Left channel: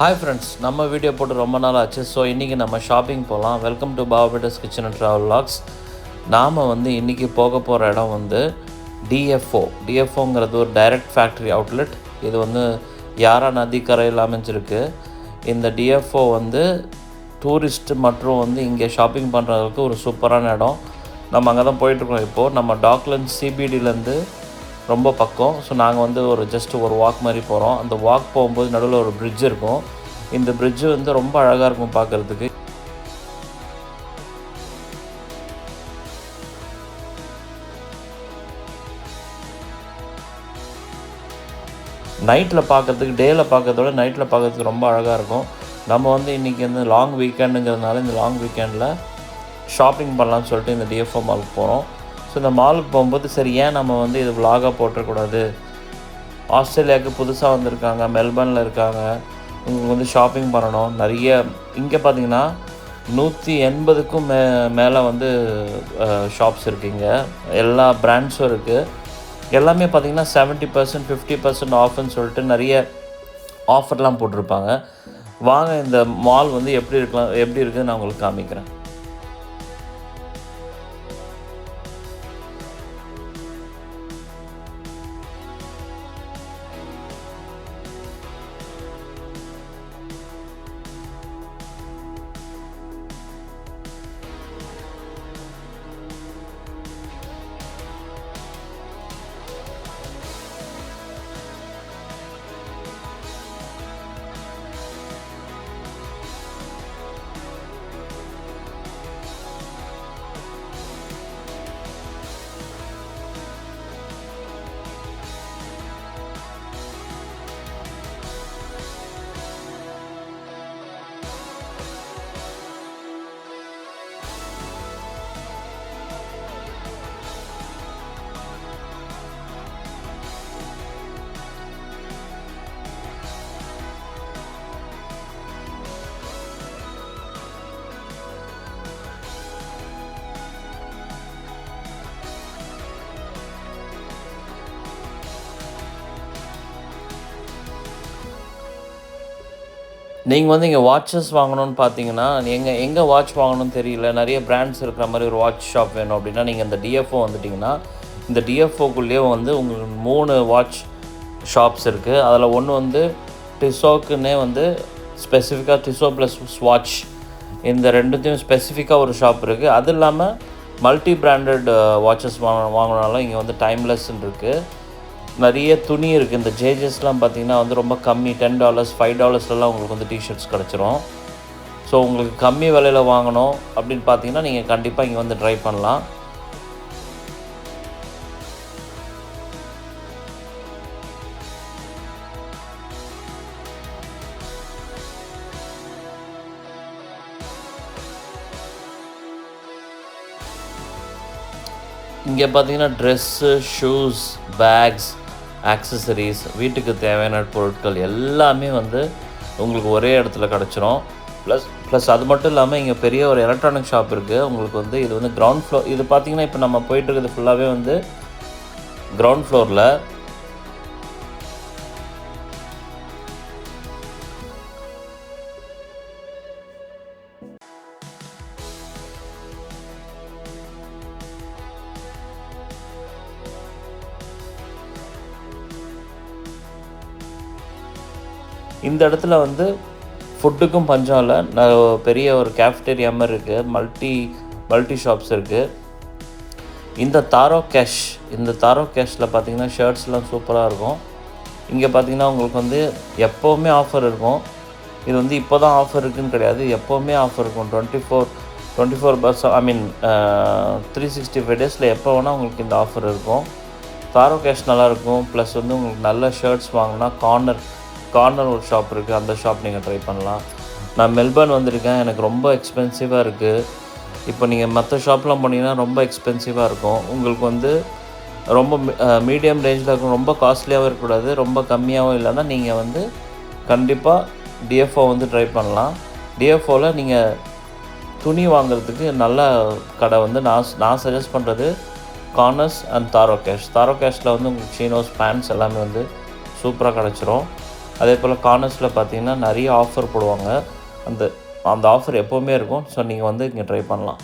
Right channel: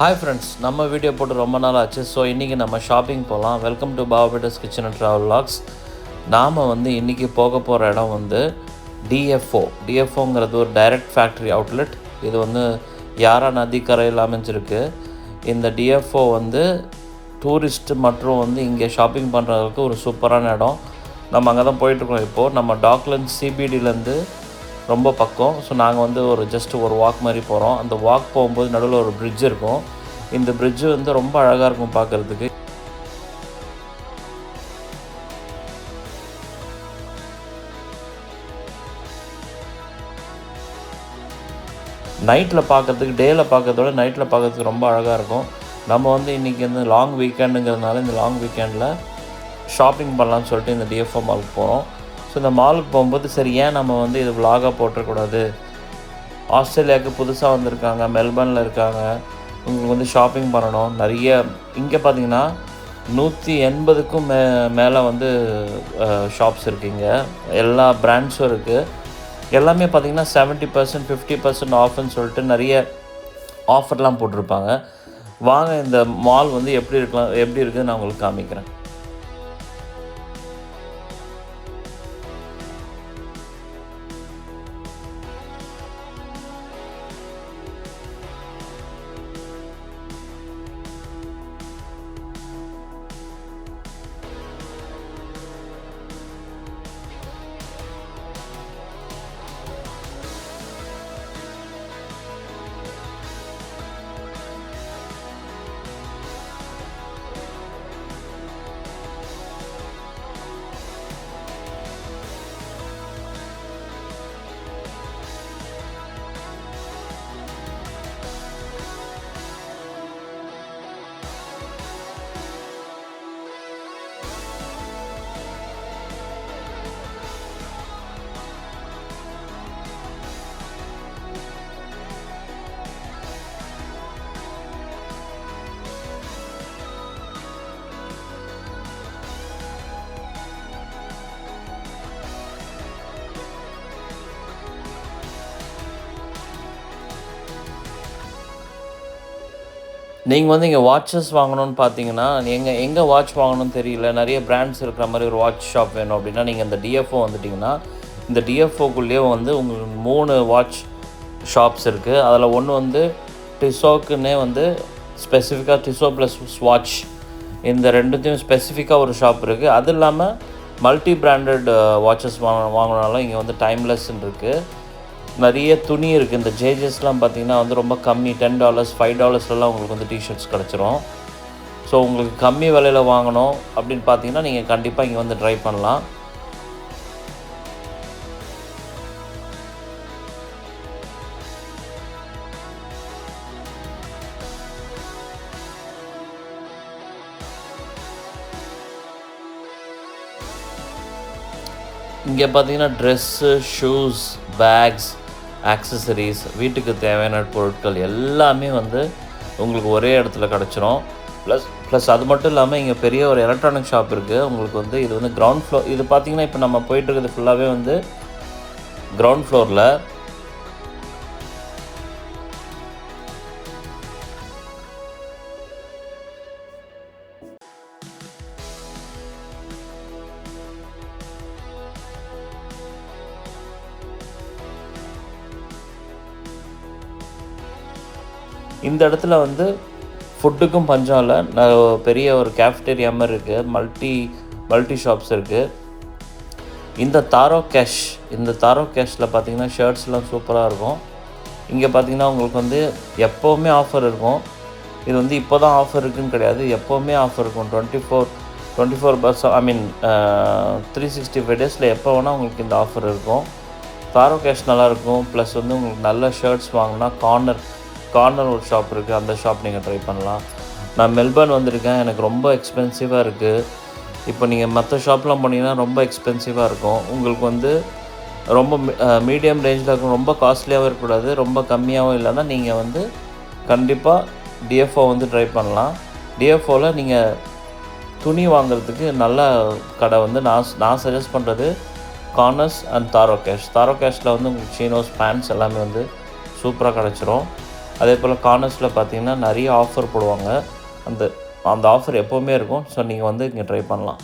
Hi friends, நம்ம video போட்டு ரொம்ப நாள் ஆச்சு. ஸோ இன்றைக்கி நம்ம ஷாப்பிங் போகலாம். வெல்கம் டு பாபாபேட்டஸ் கிச்சன் அண்ட் ட்ராவல் வ்ளாக்ஸ். நாம் இன்றைக்கி போக போகிற இடம் டிஎஃப்ஓங்கிறது ஒரு டைரக்ட் ஃபேக்ட்ரி அவுட்லெட். இது யாரா நதிக்கரையில் அமைஞ்சிருக்கு. இந்த டிஎஃப்ஓ டூரிஸ்ட் மற்றும் இங்கே ஷாப்பிங் பண்ணுறதுக்கு ஒரு சூப்பரான இடம். நம்ம அங்கே தான் போயிட்டுருக்கோம். இப்போது நம்ம டாக்லண்ட்ஸ் சிபிடிலேருந்து ரொம்ப பக்கம். ஸோ நாங்கள் ஒரு வாக் மாதிரி போகிறோம். அந்த வாக் போகும்போது நடுவில் ஒரு பிரிட்ஜ் இருக்கும். இந்த பிரிட்ஜு ரொம்ப அழகாக இருக்கும் பார்க்குறதுக்கு. நைட்டில் பார்க்குறதுக்கு, டேயில் பார்க்குறதோட நைட்டில் பார்க்குறதுக்கு ரொம்ப அழகாக இருக்கும். நம்ம இன்றைக்கி லாங் வீக்கெண்டுங்கிறதுனால இந்த லாங் வீக்கெண்டில் ஷாப்பிங் பண்ணலான்னு சொல்லிட்டு இந்த டிஎஃப்ஓ மாலுக்கு போகிறோம். ஸோ இந்த மாலுக்கு போகும்போது சரி, ஏன் நம்ம இது விலாகாக போட்டுறக்கூடாது. ஆஸ்திரேலியாவுக்கு புதுசாக வந்திருக்காங்க, மெல்பர்னில் இருக்காங்க, உங்களுக்கு ஷாப்பிங் பண்ணணும். நிறைய இங்கே பார்த்திங்கன்னா 180க்கும் மேலே ஷாப்ஸ் இருக்குது. இங்கே எல்லா பிராண்ட்ஸும் இருக்குது. எல்லாமே பார்த்திங்கன்னா 70%, 50% ஆஃப்னு சொல்லிட்டு நிறைய ஆஃபர்லாம் போட்டிருப்பாங்க. வாங்க இந்த மால் எப்படி இருக்குதுன்னு நான் உங்களுக்கு காமிக்கிறேன். நீங்கள் இங்கே வாட்சஸ் வாங்கணும்னு பார்த்தீங்கன்னா, எங்கே வாட்ச் வாங்கணும்னு தெரியல, நிறைய பிராண்ட்ஸ் இருக்கிற மாதிரி ஒரு வாட்ச் ஷாப் வேணும் அப்படின்னா, நீங்கள் இந்த டிஎஃப்ஓ வந்துட்டிங்கன்னா, இந்த டிஎஃப்ஓக்குள்ளேயே உங்களுக்கு 3 வாட்ச் ஷாப்ஸ் இருக்குது. அதில் ஒன்று டிசோக்குன்னே ஸ்பெசிஃபிக்காக டிசோ ப்ளஸ் ஸ்வாட்ச், இந்த ரெண்டுத்தையும் ஸ்பெசிஃபிக்காக ஒரு ஷாப் இருக்குது. அது இல்லாமல் மல்டி பிராண்டட் வாட்சஸ் வாங்கினாலும் இங்கே டைம்லெஸ்ன்னு இருக்குது. நிறைய துணி இருக்குது. இந்த ஜேஜஸ்லாம் பார்த்திங்கன்னா ரொம்ப கம்மி, $10, $5 உங்களுக்கு டிஷர்ட்ஸ் கிடச்சிரும். ஸோ உங்களுக்கு கம்மி விலையில் வாங்கணும் அப்படின்னு பார்த்தீங்கன்னா நீங்கள் கண்டிப்பாக இங்கே ட்ரை பண்ணலாம். இங்கே பார்த்தீங்கன்னா ட்ரெஸ்ஸு, ஷூஸ், பேக்ஸ், ஆக்சசரிஸ், வீட்டுக்கு தேவையான பொருட்கள் எல்லாமே உங்களுக்கு ஒரே இடத்துல கிடச்சிரும். ப்ளஸ் அது மட்டும் இல்லாமல் இங்கே பெரிய ஒரு எலக்ட்ரானிக் ஷாப் இருக்குது. உங்களுக்கு இது கிரவுண்ட் ஃப்ளோர். இது பார்த்திங்கன்னா இப்போ நம்ம போயிட்டுருக்கிறது ஃபுல்லாகவே கிரவுண்ட் ஃப்ளோரில். இந்த இடத்துல ஃபுட்டுக்கும் பஞ்சம் இல்லை. பெரிய ஒரு கேஃப்டேரியா மாதிரி இருக்குது. மல்டி ஷாப்ஸ் இருக்குது. இந்த தாரோ கேஷில் பார்த்திங்கன்னா ஷர்ட்ஸ்லாம் சூப்பராக இருக்கும். இங்கே பார்த்திங்கன்னா உங்களுக்கு எப்போவுமே ஆஃபர் இருக்கும். இது இப்போ தான் ஆஃபர் இருக்குதுன்னு கிடையாது, எப்போவுமே ஆஃபர் இருக்கும். 365 டேஸில் எப்போ வேணால் உங்களுக்கு இந்த ஆஃபர் இருக்கும். தாரோ கேஷ் நல்லாயிருக்கும். ப்ளஸ் உங்களுக்கு நல்ல ஷர்ட்ஸ் வாங்கினா கார்னர் ஒரு ஷாப் இருக்குது, அந்த ஷாப் நீங்கள் ட்ரை பண்ணலாம். நான் மெல்பர்ன் வந்திருக்கேன், எனக்கு ரொம்ப எக்ஸ்பென்சிவாக இருக்குது. இப்போ நீங்கள் மற்ற ஷாப்லாம் போனீங்கன்னா ரொம்ப எக்ஸ்பென்சிவாக இருக்கும். உங்களுக்கு ரொம்ப மீடியம் ரேஞ்சில் இருக்கும். ரொம்ப காஸ்ட்லியாகவும் இருக்கக்கூடாது, ரொம்ப கம்மியாகவும் இல்லைன்னா நீங்கள் கண்டிப்பாக டிஎஃப்ஓ ட்ரை பண்ணலாம். டிஎஃப்ஓவில் நீங்கள் துணி வாங்குறதுக்கு நல்ல கடை நான் சஜஸ்ட் பண்ணுறது கார்னர்ஸ் அண்ட் தாரோ கேஷில் உங்களுக்கு சீனோஸ், பேண்ட்ஸ் எல்லாமே சூப்பராக கிடச்சிரும். அதே போல் கார்னர்ஸில் பார்த்தீங்கன்னா நிறைய ஆஃபர் போடுவாங்க. அந்த அந்த ஆஃபர் எப்போவுமே இருக்கும். ஸோ நீங்கள் வந்து இங்கே ட்ரை பண்ணலாம்.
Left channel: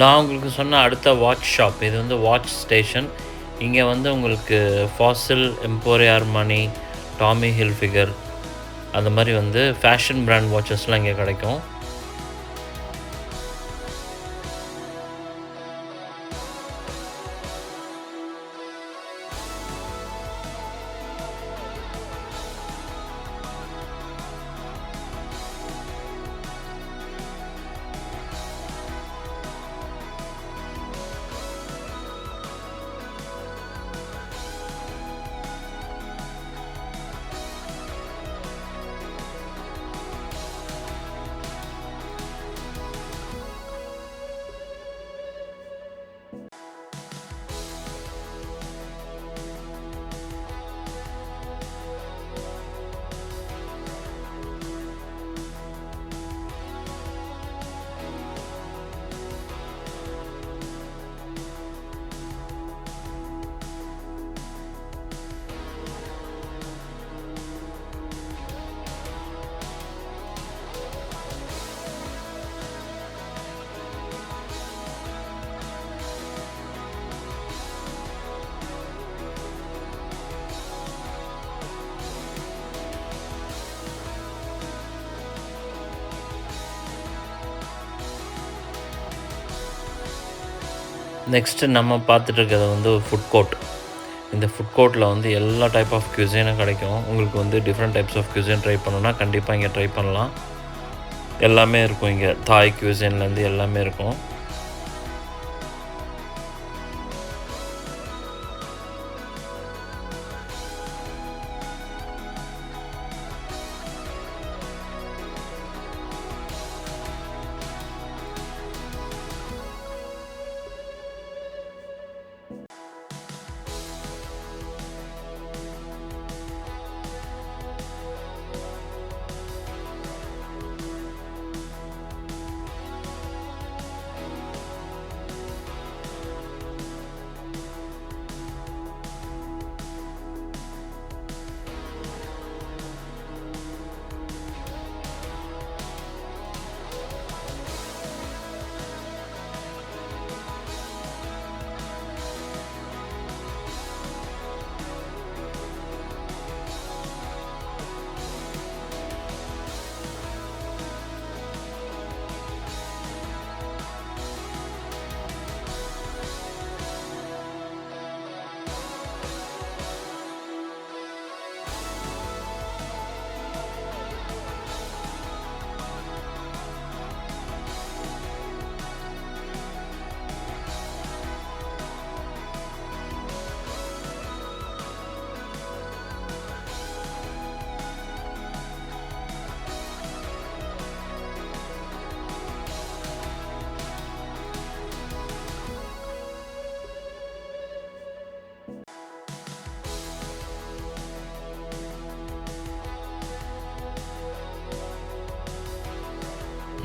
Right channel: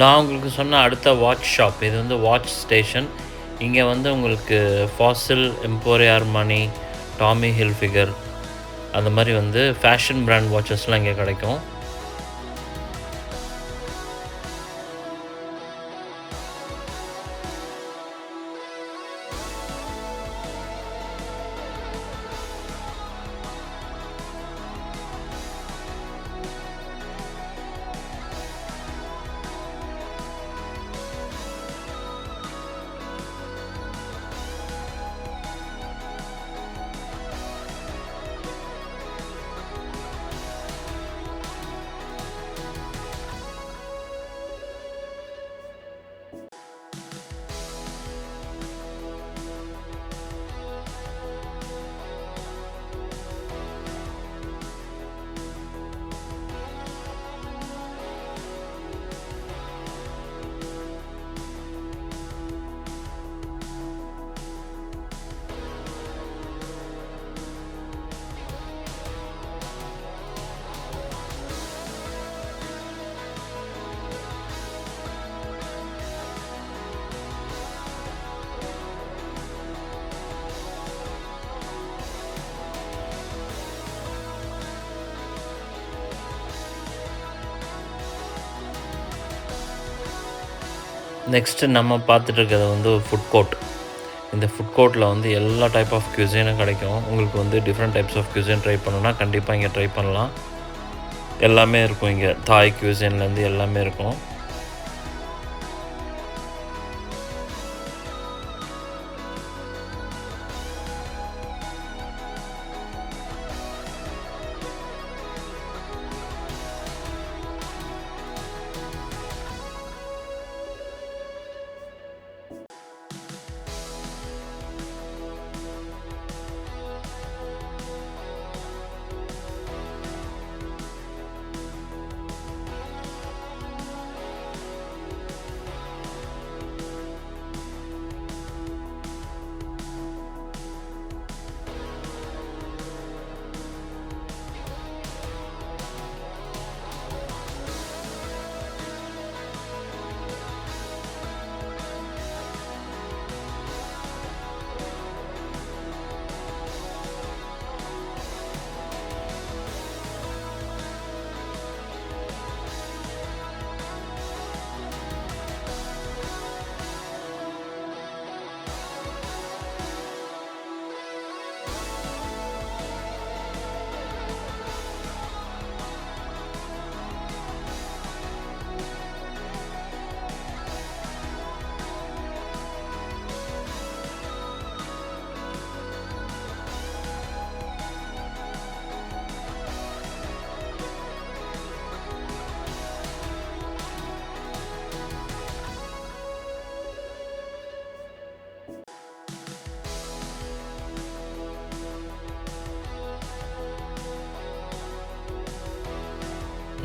நான் உங்களுக்கு சொன்ன அடுத்த வாட்ச் ஷாப் இது வந்து வாட்ச் ஸ்டேஷன். இங்கே வந்து உங்களுக்கு Fazil, Emporio Armani, Tommy Hilfiger அந்த மாதிரி வந்து ஃபேஷன் பிராண்ட் வாட்சஸ்லாம் இங்கே கிடைக்கும். நெக்ஸ்ட்டு நம்ம பார்த்துட்டு இருக்கிறது வந்து ஃபுட் கோர்ட். இந்த ஃபுட் கோர்ட்டில் வந்து எல்லா டைப் ஆஃப் cuisine கிடைக்கும். உங்களுக்கு வந்து different types of cuisine try பண்ணணுன்னா கண்டிப்பாக இங்கே ட்ரை பண்ணலாம். எல்லாமே இருக்கும் இங்கே. தாய் cuisineலேருந்து எல்லாமே இருக்கும்.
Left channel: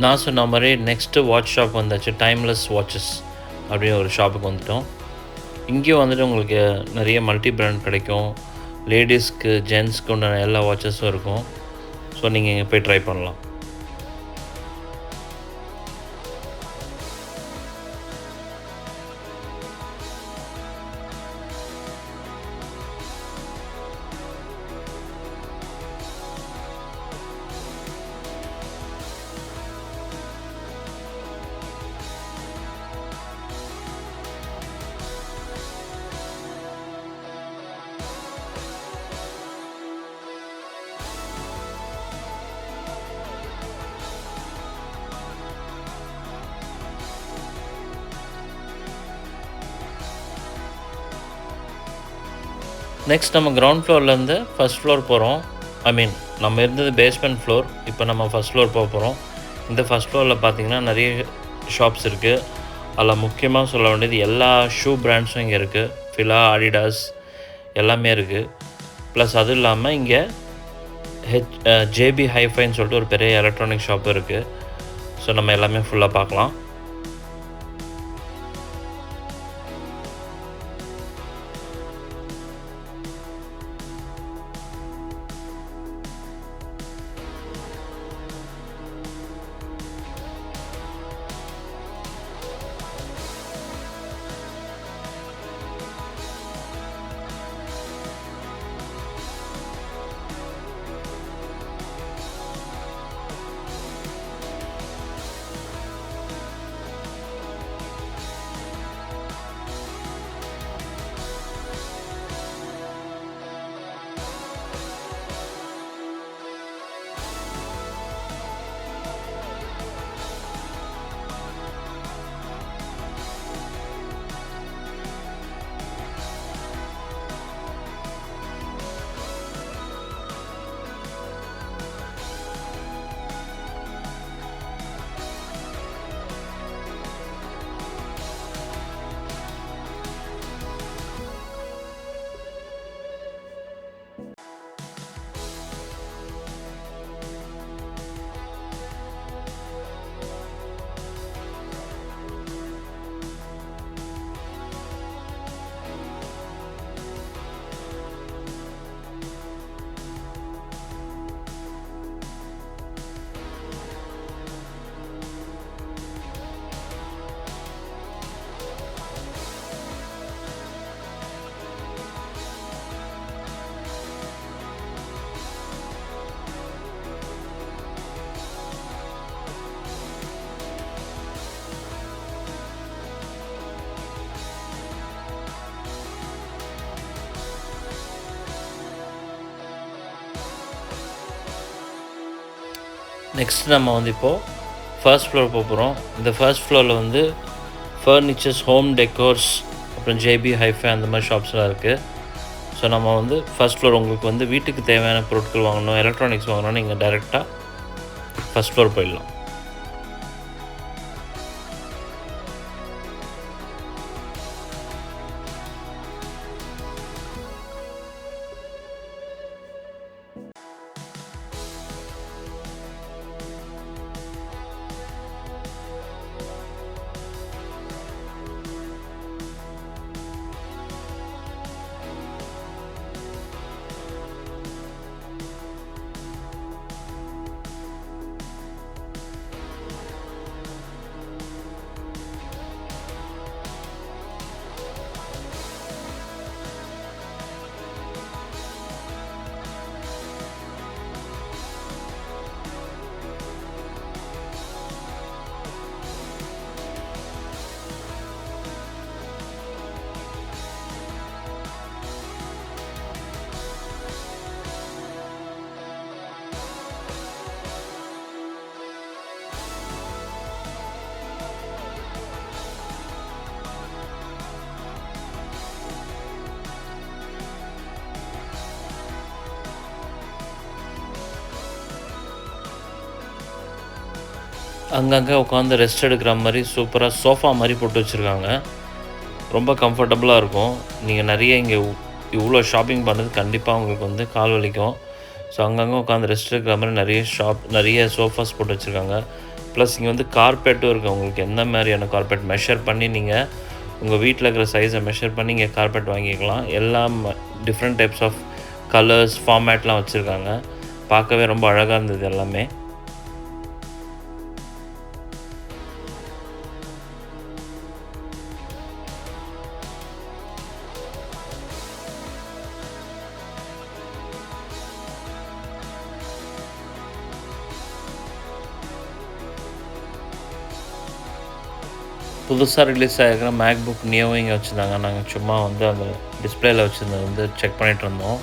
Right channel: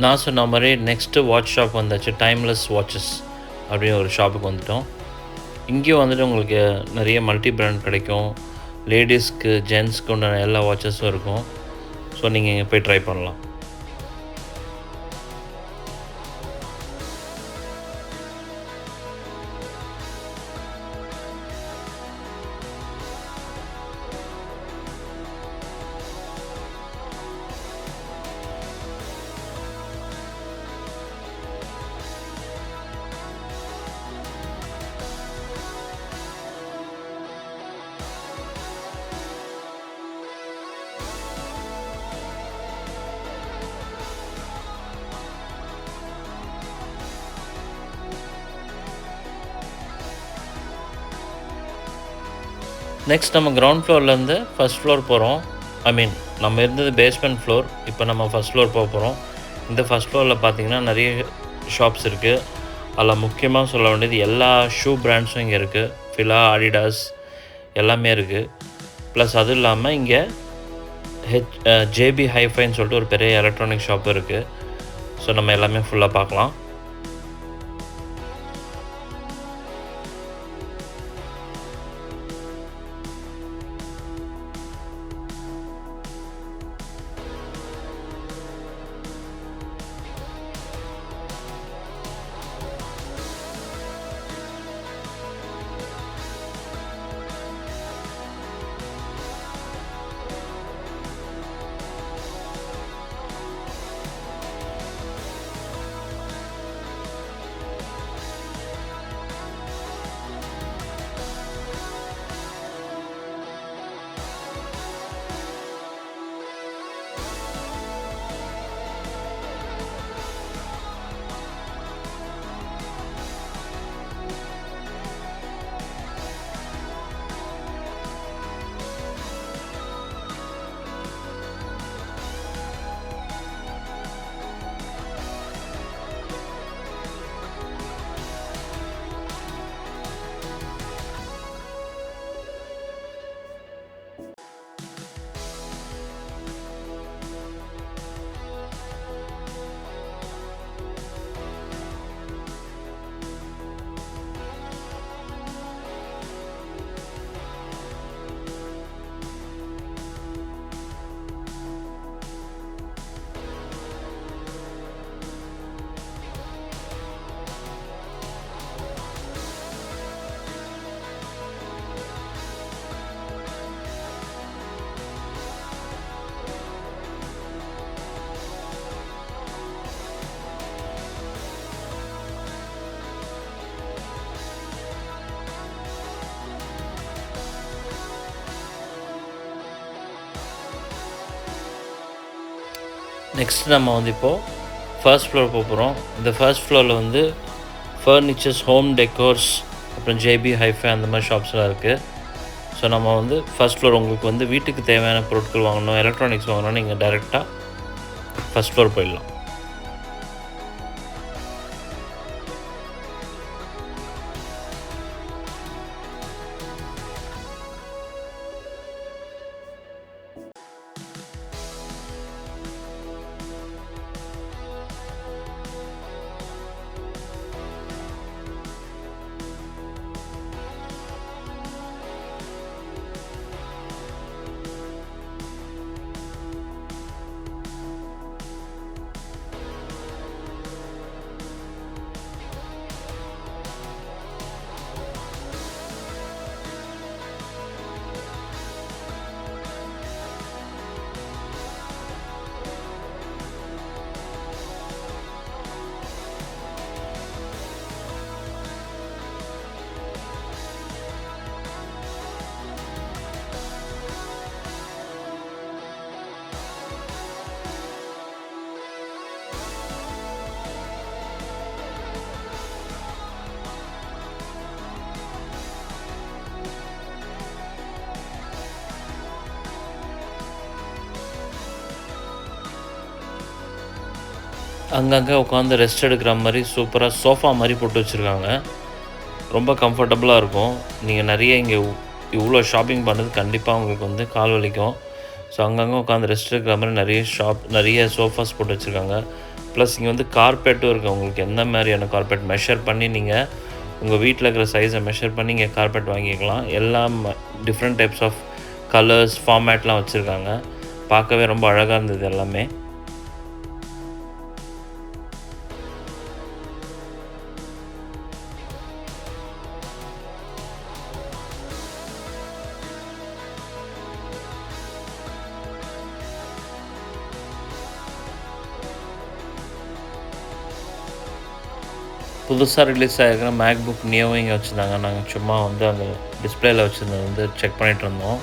நான் சொன்ன மாதிரி நெக்ஸ்ட்டு வாட்ச் ஷாப் வந்தாச்சு, டைம்லெஸ் வாட்சஸ் அப்படின்னு ஒரு ஷாப்புக்கு வந்துவிட்டோம். இங்கேயும் வந்துட்டு உங்களுக்கு நிறைய மல்டி பிராண்ட் கிடைக்கும். லேடிஸ்க்கு ஜென்ஸ்க்கு உண்டான எல்லா வாட்சஸும் இருக்கும். ஸோ நீங்கள் இங்கே போய் ட்ரை பண்ணலாம். நெக்ஸ்ட் நம்ம கிரவுண்ட் ஃப்ளோர்லேருந்து ஃபஸ்ட் ஃப்ளோர் போகிறோம். நம்ம இருந்தது பேஸ்மெண்ட் ஃப்ளோர். இப்போ நம்ம ஃபஸ்ட் ஃப்ளோர் போகிறோம். இந்த ஃபஸ்ட் ஃப்ளோரில் பார்த்திங்கன்னா நிறைய ஷாப்ஸ் இருக்குது. அதில் முக்கியமாக சொல்ல வேண்டியது எல்லா ஷூ பிராண்ட்ஸும் இங்கே இருக்குது. ஃபிலா, அடிடாஸ் எல்லாமே இருக்குது. ப்ளஸ் அதுவும் இல்லாமல் இங்கே ஜேபி ஹைஃபைன்னு சொல்லிட்டு ஒரு பெரிய எலக்ட்ரானிக் ஷாப் இருக்குது. ஸோ நம்ம எல்லாமே ஃபுல்லாக பார்க்கலாம். நெக்ஸ்ட் நம்ம வந்து இப்போது ஃபர்ஸ்ட் ஃப்ளோர் போகிறோம். இந்த ஃபர்ஸ்ட் ஃப்ளோரில் வந்து ஃபர்னிச்சர்ஸ், ஹோம் டெக்கோர்ஸ், அப்புறம் ஜேபி ஹைஃபை அந்த மாதிரி ஷாப்ஸ்லாம் இருக்குது. ஸோ நம்ம வந்து ஃபர்ஸ்ட் ஃப்ளோர் உங்களுக்கு வந்து வீட்டுக்கு தேவையான பொருட்கள் வாங்கணும், எலக்ட்ரானிக்ஸ் வாங்கணும், நீங்கள் டைரெக்டாக ஃபர்ஸ்ட் ஃப்ளோர் போயிடலாம். அங்கங்கே உட்காந்து ரெஸ்ட் எடுக்கிற மாதிரி சூப்பராக சோஃபா மாதிரி போட்டு வச்சுருக்காங்க. ரொம்ப கம்ஃபர்டபுளாக இருக்கும். நீங்கள் நிறைய இங்கே இவ்வளோ ஷாப்பிங் பண்ணுறது கண்டிப்பாக உங்களுக்கு வந்து கால் வலிக்கும். ஸோ அங்கங்கே உட்காந்து ரெஸ்ட் எடுக்கிற மாதிரி நிறைய சோஃபாஸ் போட்டு வச்சுருக்காங்க. ப்ளஸ் இங்கே வந்து கார்பெட்டும் இருக்குது. உங்களுக்கு எந்த மாதிரியான கார்பெட் மெஷர் பண்ணி நீங்கள் உங்கள் வீட்டில் இருக்கிற சைஸை மெஷர் பண்ணி இங்கே கார்பெட் வாங்கிக்கலாம். எல்லாம் டிஃப்ரெண்ட் டைப்ஸ் ஆஃப் கலர்ஸ் ஃபார்மேட்லாம் வச்சுருக்காங்க. பார்க்கவே ரொம்ப அழகாக இருந்தது எல்லாமே. புதுசாக ரிலீஸ் ஆகிருக்கிற மேக்புக் நியோவும் இங்கே வச்சுருந்தாங்க. நாங்கள் சும்மா வந்து அந்த டிஸ்பிளேயில் வச்சுருந்தது வந்து செக் பண்ணிகிட்டு இருந்தோம்.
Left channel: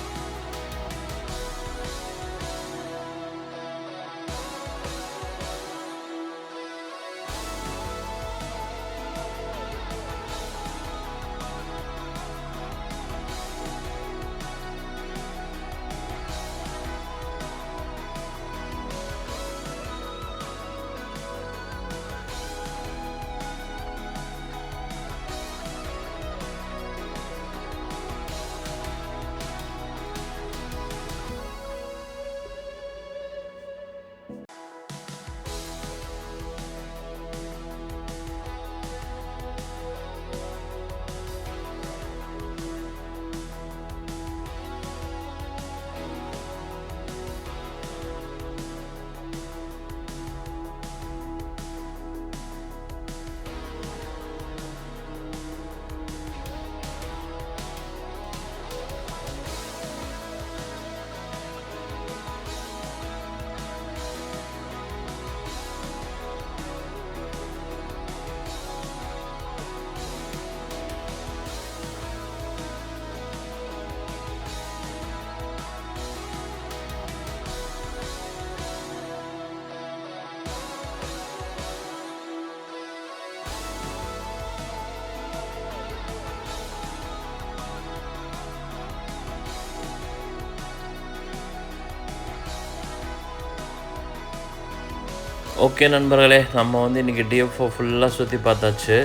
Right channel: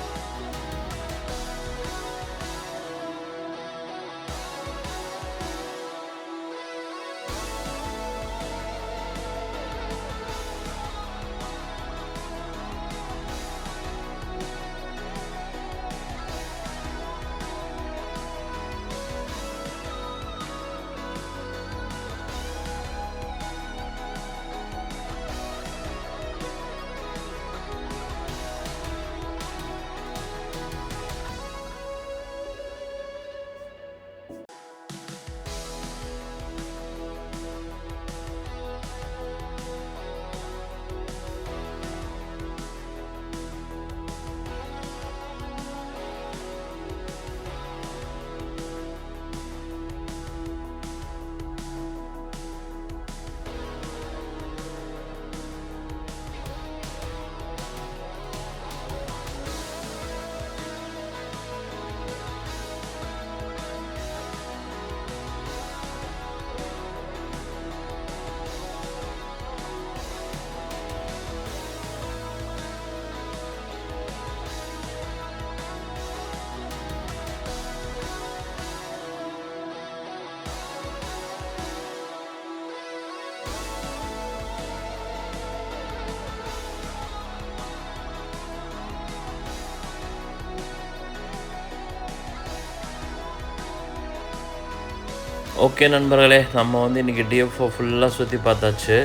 ஓகே நண்பர்களே, நம்ம வந்து இன்றைக்கி டிஎஃப்ஓ ஃபுல்லாக சுற்றி பார்த்தாச்சு.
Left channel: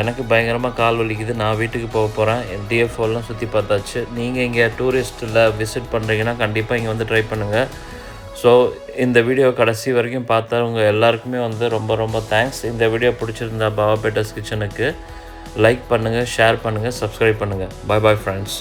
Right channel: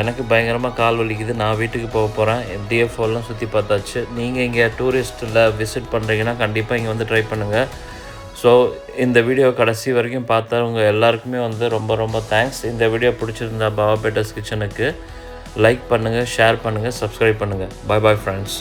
எனக்கு பயங்கரமாக கால் வலிக்குது. நான் வீட்டுக்கு போக போகிறேன். டிஎஃப்ஓலாம் சுற்றி பார்த்தாச்சு. நீங்கள் இங்கே டூரிஸ்ட்டில் விசிட் பண்ணுறீங்கன்னா கண்டிப்பாக இங்கே வந்து ட்ரை பண்ணுங்கள். ஸோ இந்த வீடியோ கடைசி வரைக்கும் பார்த்தவங்க எல்லாருக்குமே வந்து ரொம்ப ரொம்ப தேங்க்ஸ். இந்த வீடியோ பிடிச்சிருந்தா பாபா பேட்டர்ஸ் கிச்சனுக்கு லைக் பண்ணுங்கள், ஷேர் பண்ணுங்கள், சப்ஸ்கிரைப் பண்ணுங்கள். Bye bye friends.